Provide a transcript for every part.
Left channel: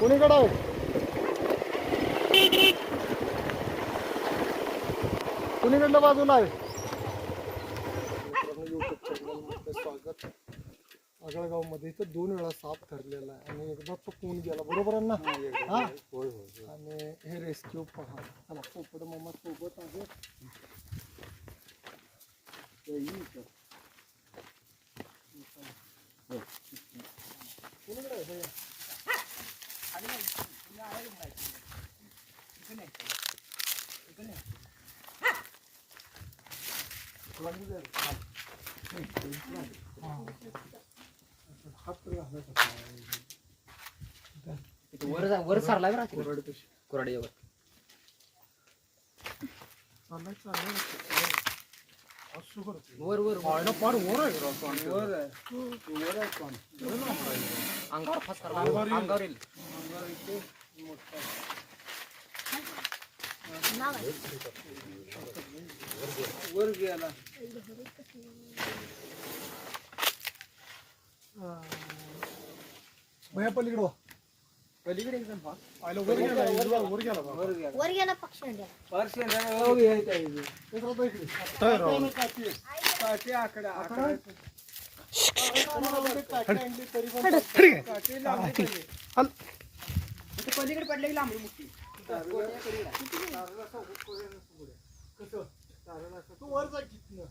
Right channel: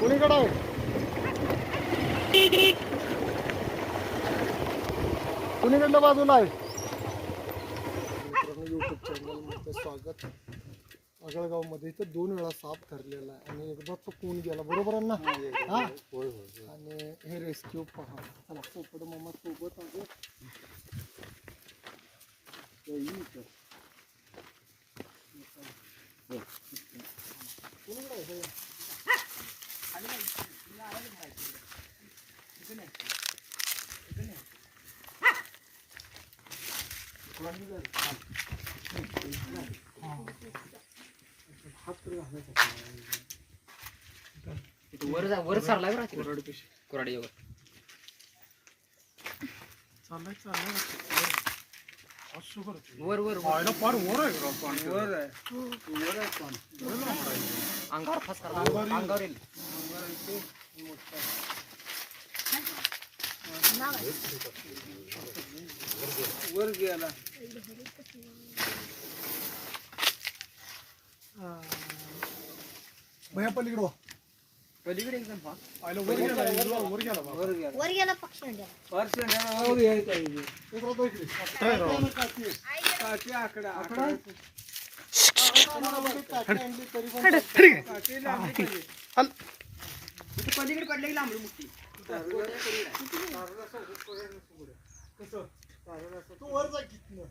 कुणीकडे आहे कुणीकडल्या बाजूला आहे? युट्यूब चॅनलमध्ये स्वागत आगळगावमध्ये इथं दोन वेळा साप ठरलेला आहे आणि एकदा चुकवून गेला? बरोबर आहे ना? हा आणि हे रेस्क्यू पहा. चला पोपड मामा सोबत आहे ते येईल इथं. कुणीकडे आहे हे? हात तर घालायचा वर जा वर सरला बरं कोरड कशी कोरडीवर चाललाय चाललाय असं करतो वर वर वर. फार वर आहे राव पाणी. वर आहे वर आहे पाणी अंगावर फास करा अंगावर येईल. अंगावर येईल अंगार इथे मोठा. वर गेला भैया पलीकडे. पलीकडे एकदम वर गेला वर गेला. वर गेला वर गेला पक्षी इथे. इकडे. आकडा आकडा? पडले की लांबडी मुठी? तू वर जा कितनं.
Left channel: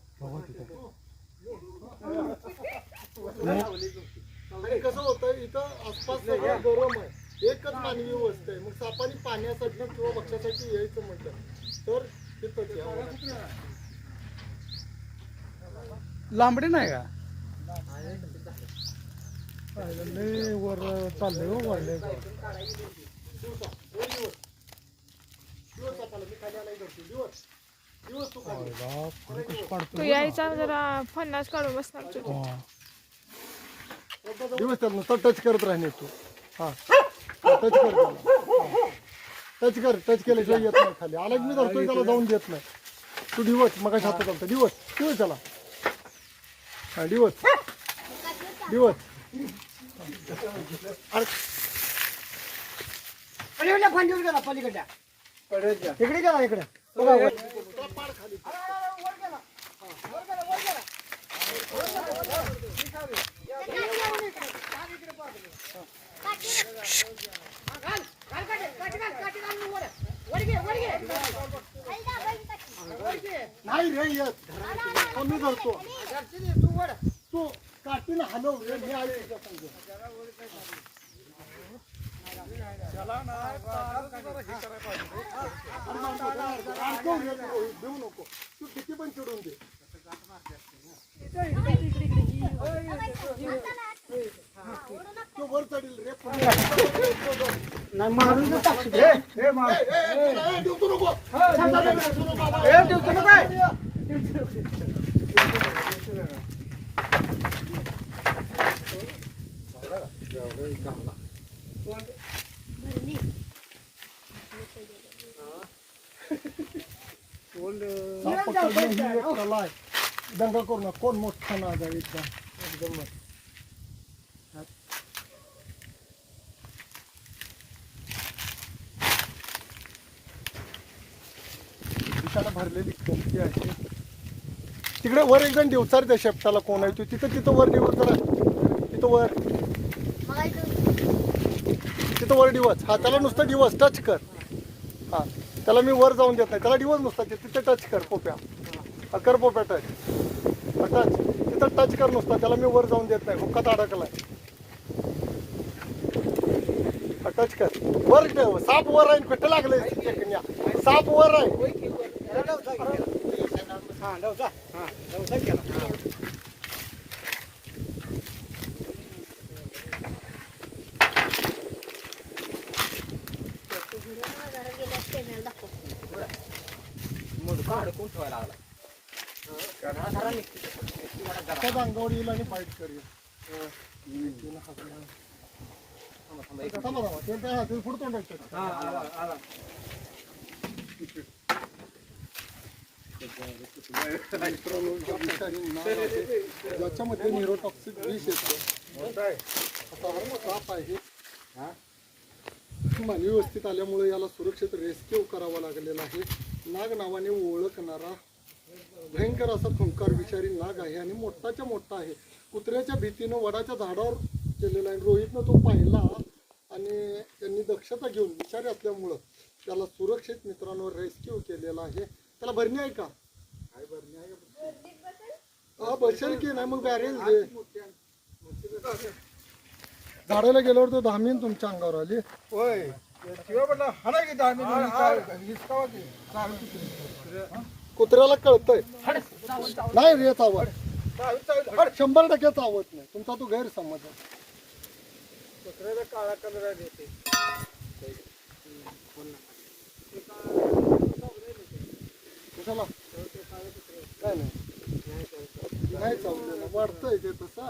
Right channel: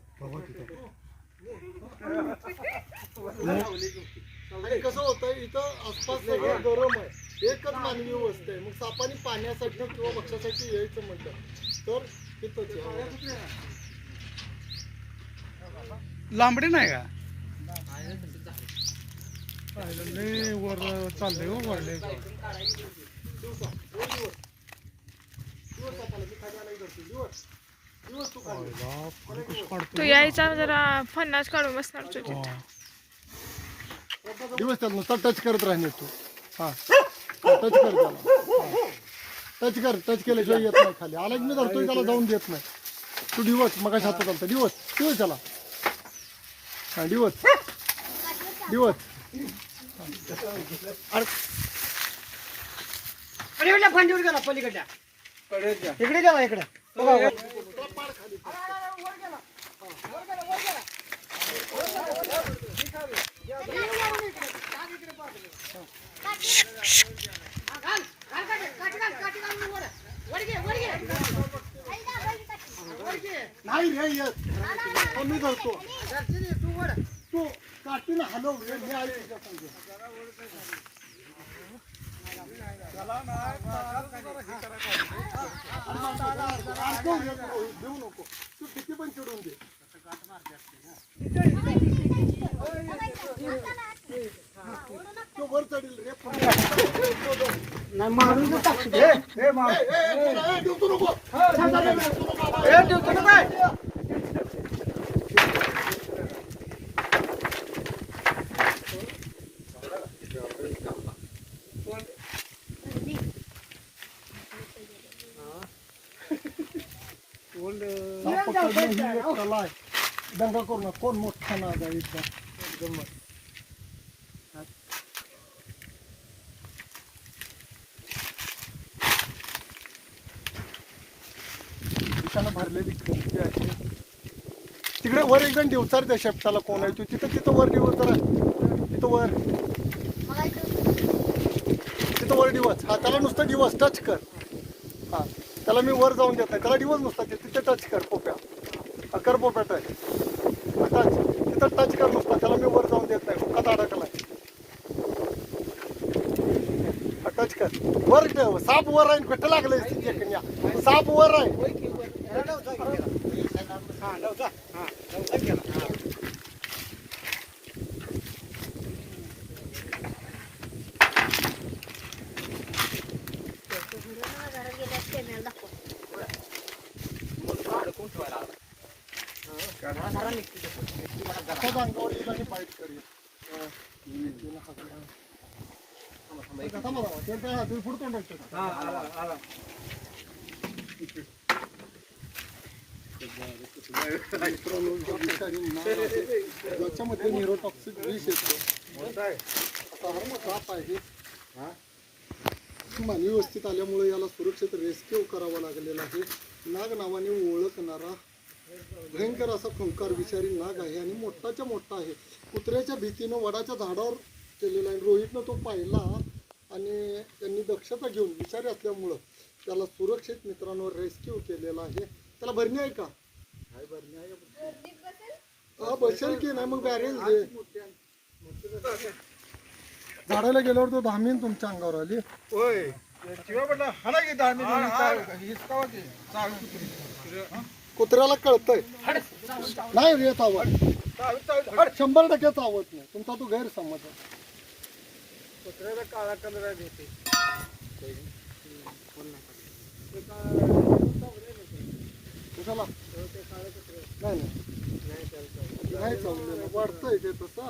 आणि कसं होतं इथं आसपास सगळं गरम आहे एकच मानवी वस्ती आहे. मग सापानी पाण्यासाठी किंवा भक्ष्यासाठी यायचं म्हटलं तर तिथंच. लांबडी नाही का? वर चाललंय हो वरले दिवसा दोन दिवस. दिवस सापाला मी खाली आला धरतो दिवस दिवस तू खाली. तू यायचा जरा फन्नास काढून बसणार तुझे दिवस त्याला नुसता टच करत राहणे तू. हा. टच कर त्याला. टच कर टच केल्याशिवाय येत नाही खाली. आला की मी धरतोय त्याला जाऊन देत नाही. तू दिवस मग हात चालतं दिवस दिवस त्याला. हा दिवस दिवस अरे पलीकडल्या गेला पलीकडच्या जा. इकडे गेला इकडे. खाली तो मी धरतो. तू काठीनं हलव मी तुझ्या संग. तू, देऊ नको तू किती पण चिडून दे तो वर चढील रे ए, ए, देऊ नको साप पकडणं ही एक कला आहे दंगा करू नका. कोण मोठा नाद आहे एकदम एकदम दिशाला भरलेली कंपनी आहे. तिकडे वर एकदम दिवसार त्या शेपटाला कोण आहे? तू तिथं तिथं वर दिवस करा तिथं वर. तिथं वर दिवस हा त्याला नुसतं दिवस टच कर. हा त्याला मी वर जाऊन देत नाही त्याला दिवस नसतात तिथे टच कर पोप्या. अकर कर पोप्या टच टच तिथं टच कर नुसता. त्याला मी वर जाऊन देत नाही मुखात अडकला टच कर. वर साप वर आहे कुठं लागलं साप वर आहे अंगावर येईल आणि बाईट करेल काय तुम्ही पुढे तोंडायचं याच्यामध्ये आला, आला. विष येतो आता हा साप आहे मानवी व्यवस्थित आल्यामुळे याला सुरक्षित रेस्क्यू करावा लागलेला आहे नाग नावाने ओळखणारा भयंकर असा फुंकार विषारी नाग आहे आणि मोठाच्या मोठा आहे. कुत्र्याच्या भीतीनं वडाच्या झाडावर केलेला आहे. रोहितनं तो पाहिला आणि त्यांनी दक्षता घेऊन विषारी असल्यामुळं त्याला सुरक्षित मित्रांनो रेस्क्यू केलेला आहे. त्याला भरणी आहे का? आहे भरणी आहे हा बसेल की नाही? मग बॅरेल झाडाला गेल्यावर तो धामीन तुमच्या अंगावर आली. होय. शिवाय म्हटलं की कुत्र्याला कळतंय. नाही रे आवड चालू शंभर टक्के चावत नाही. तुमचा तो गैरसमज आहे. कुत्र्याचा काळा कलर आहे होते कशाला? नाही नाही. नाही चावलेलं वाढतंय ते तसं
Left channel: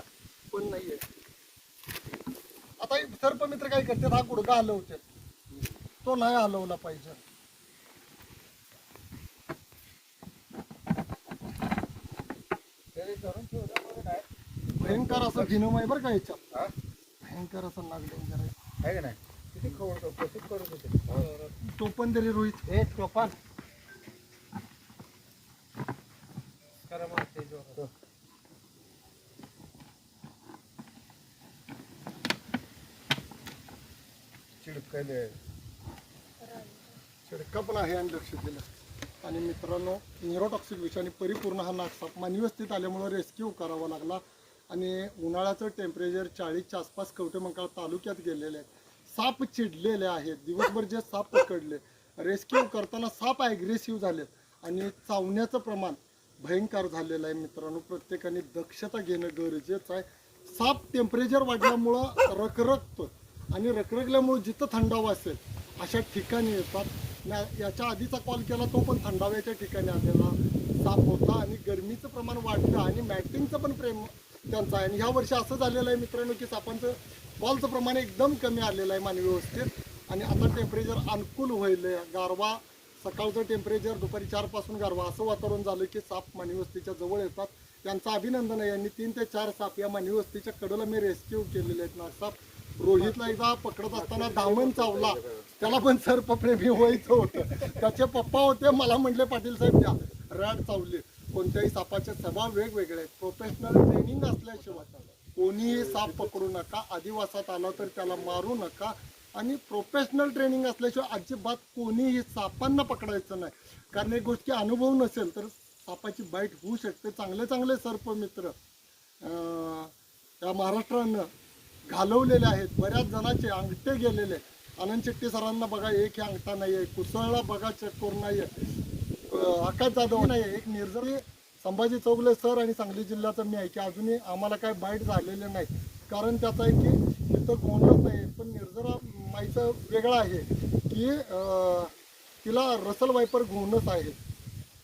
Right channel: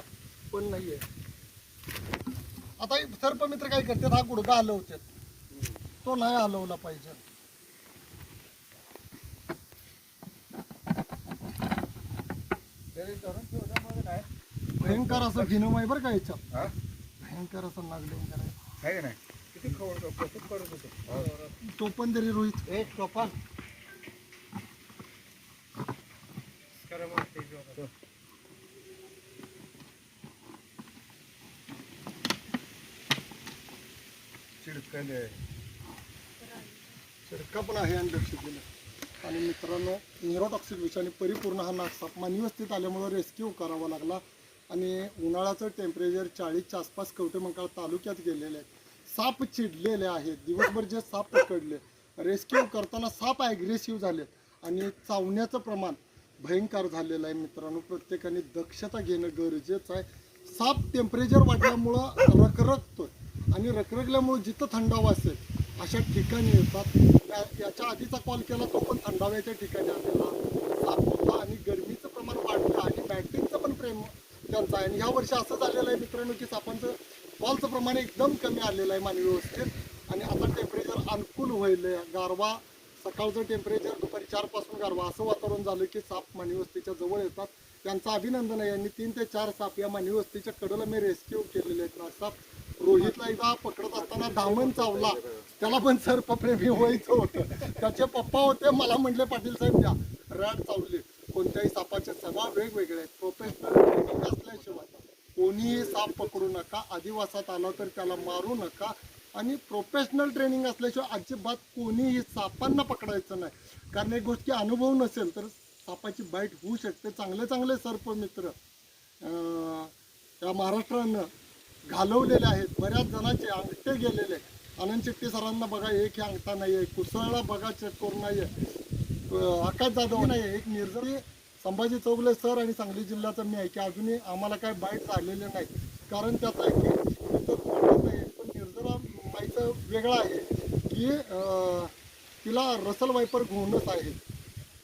पण नाहीये. आता हे सर्पमित्र काय करतात? हा गुडगा हलवतात. तो नाही हलवला पाहिजे. भयंकर असं भिनमय बरं का याच्यात. हा? भयंकर असं लागलं आहे का नाही? किती खवळतो कसं करत होतं तो पण तरी रोहित. ते जेवण. चिडकले शिडका पण आहे आणि लक्ष दिलं. आणि मित्रांनो निरोटॉक्सिक विषाने परिपूर्ण हा नागसाप मानवी वस्तीत आल्यामुळं रेस्क्यू करावा लागला. आणि उन्हाळ्याचं टेम्परेचर चाळीसच्या आसपास कवटेमंकाळ तालुक्यात गेलेले आहे. साप चिडलेले आहेत. दिवसभर जे साप पकडले रेस्क्यू करताना साप ॲग्रेसिव्ह झालेत आणि चावण्याचं प्रमाण भयंकर झालेलं आहे मित्रांनो. प्रत्येकाने दक्षता घेणं गरजेचं आहे. साप टेम्परेचर वाढल्यामुळं रखरखतो आणि रखरखल्यामुळं जिथं थंडावा असेल अशा ठिकाणी येतात. या याच्या आधीचा कॉल केला तो पण थंडाव्याच्या ठिकाणी आलेला साप होता. आणि गरमीचं प्रमाण वाढलं आणि मॅटिंगचं पण प्रेम त्यांचं. आहे आणि ह्या वर्षी असं झालेलं आहे मित्रांनो की सापांचं बॉलचं प्रमाण एकदम कमी आलेलं आहे मानवी व्यवस्थेत. आणि आता टेम्परेचर अनुकूल होईल. गारवा सकाळचं टेम्परेचर दुपारी चारपासून गारवा. असं वातावरण झालं की साप मानवी वस्तीच्या जवळ येतात. त्यांचं अभिनंदन आहे. यांनी तीन ते चार साप या मानवी वस्तीच्या कडेला मी रेस्क्यू केलेले आहेत. नागसाप रोहितला एकदा पकडत असताना धामण चावला. त्याला पण सर्पप्रेमी व्हायचं होतं. त्याचे पप्पा होते. मला म्हणले पाटील साहेब द्या. रॅड चावले. कोणत्याही सापाचे स्वभाव वेगवेगळे आहेत. प्रोफेशनल ट्रेनिंग असल्याशिवाय कोणीही साप पकडू नका आदिवासात आला तर त्याला मारू नका. आणि प्रोफेशनल ट्रेनिंग असल्याशिवाय अजिबात कोणीही सापांना पकडायचं नाही. कारण एक गोष्टी अनुभव नसेल तर सापाची बाईट होऊ शकते. चांगले चांगले सर्पमित्र या महाराष्ट्रानं घालवलेले आहेत. बऱ्याच जणांचे अंगठे गेलेले आहेत. आनंद शेट्टी सरांना बघा एक हे अंगठा नाही आहे कुसळला बघा चेक करून नाही आहे आकाश जाधव नाही आहे एक निर्जरी संभाजी चौगले सर आणि सांगली जिल्ह्याचं मी आहे की अजूनही आम्हाला काय बाईट झालेले नाही कारण त्याचं आहे की तिथं कोणच नाही पण निर्जरा माईचं वेगळं आहे की तिला रसल वायपर गुणच आहे.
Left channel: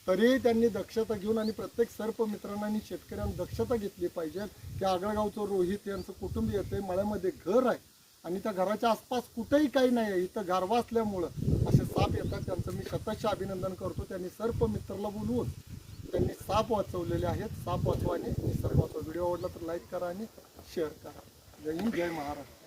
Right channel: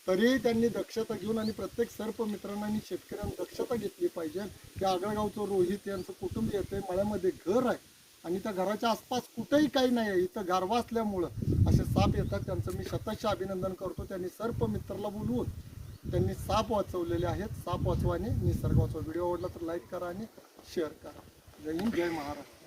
तरीही त्यांनी दक्षता घेऊन आणि प्रत्येक सर्प मित्रांना आणि शेतकऱ्यांनी दक्षता घेतली पाहिजे. की आगळगावचं रोहित यांचं कुटुंब येते मळ्यामध्ये घर आहे. आणि त्या घराच्या आसपास कुठेही काही नाही आहे. इथं गारवा असल्यामुळं असे साप येतात. त्यांचं मी शतशः अभिनंदन करतो. त्यांनी सर्प मित्राला बोलवून त्यांनी साप वाचवलेले आहेत. साप वाचवाने निसर्ग वाचवा. व्हिडिओ आवडला तर लाईक करा आणि शेअर करा. जय हिंद जय महाराष्ट्र.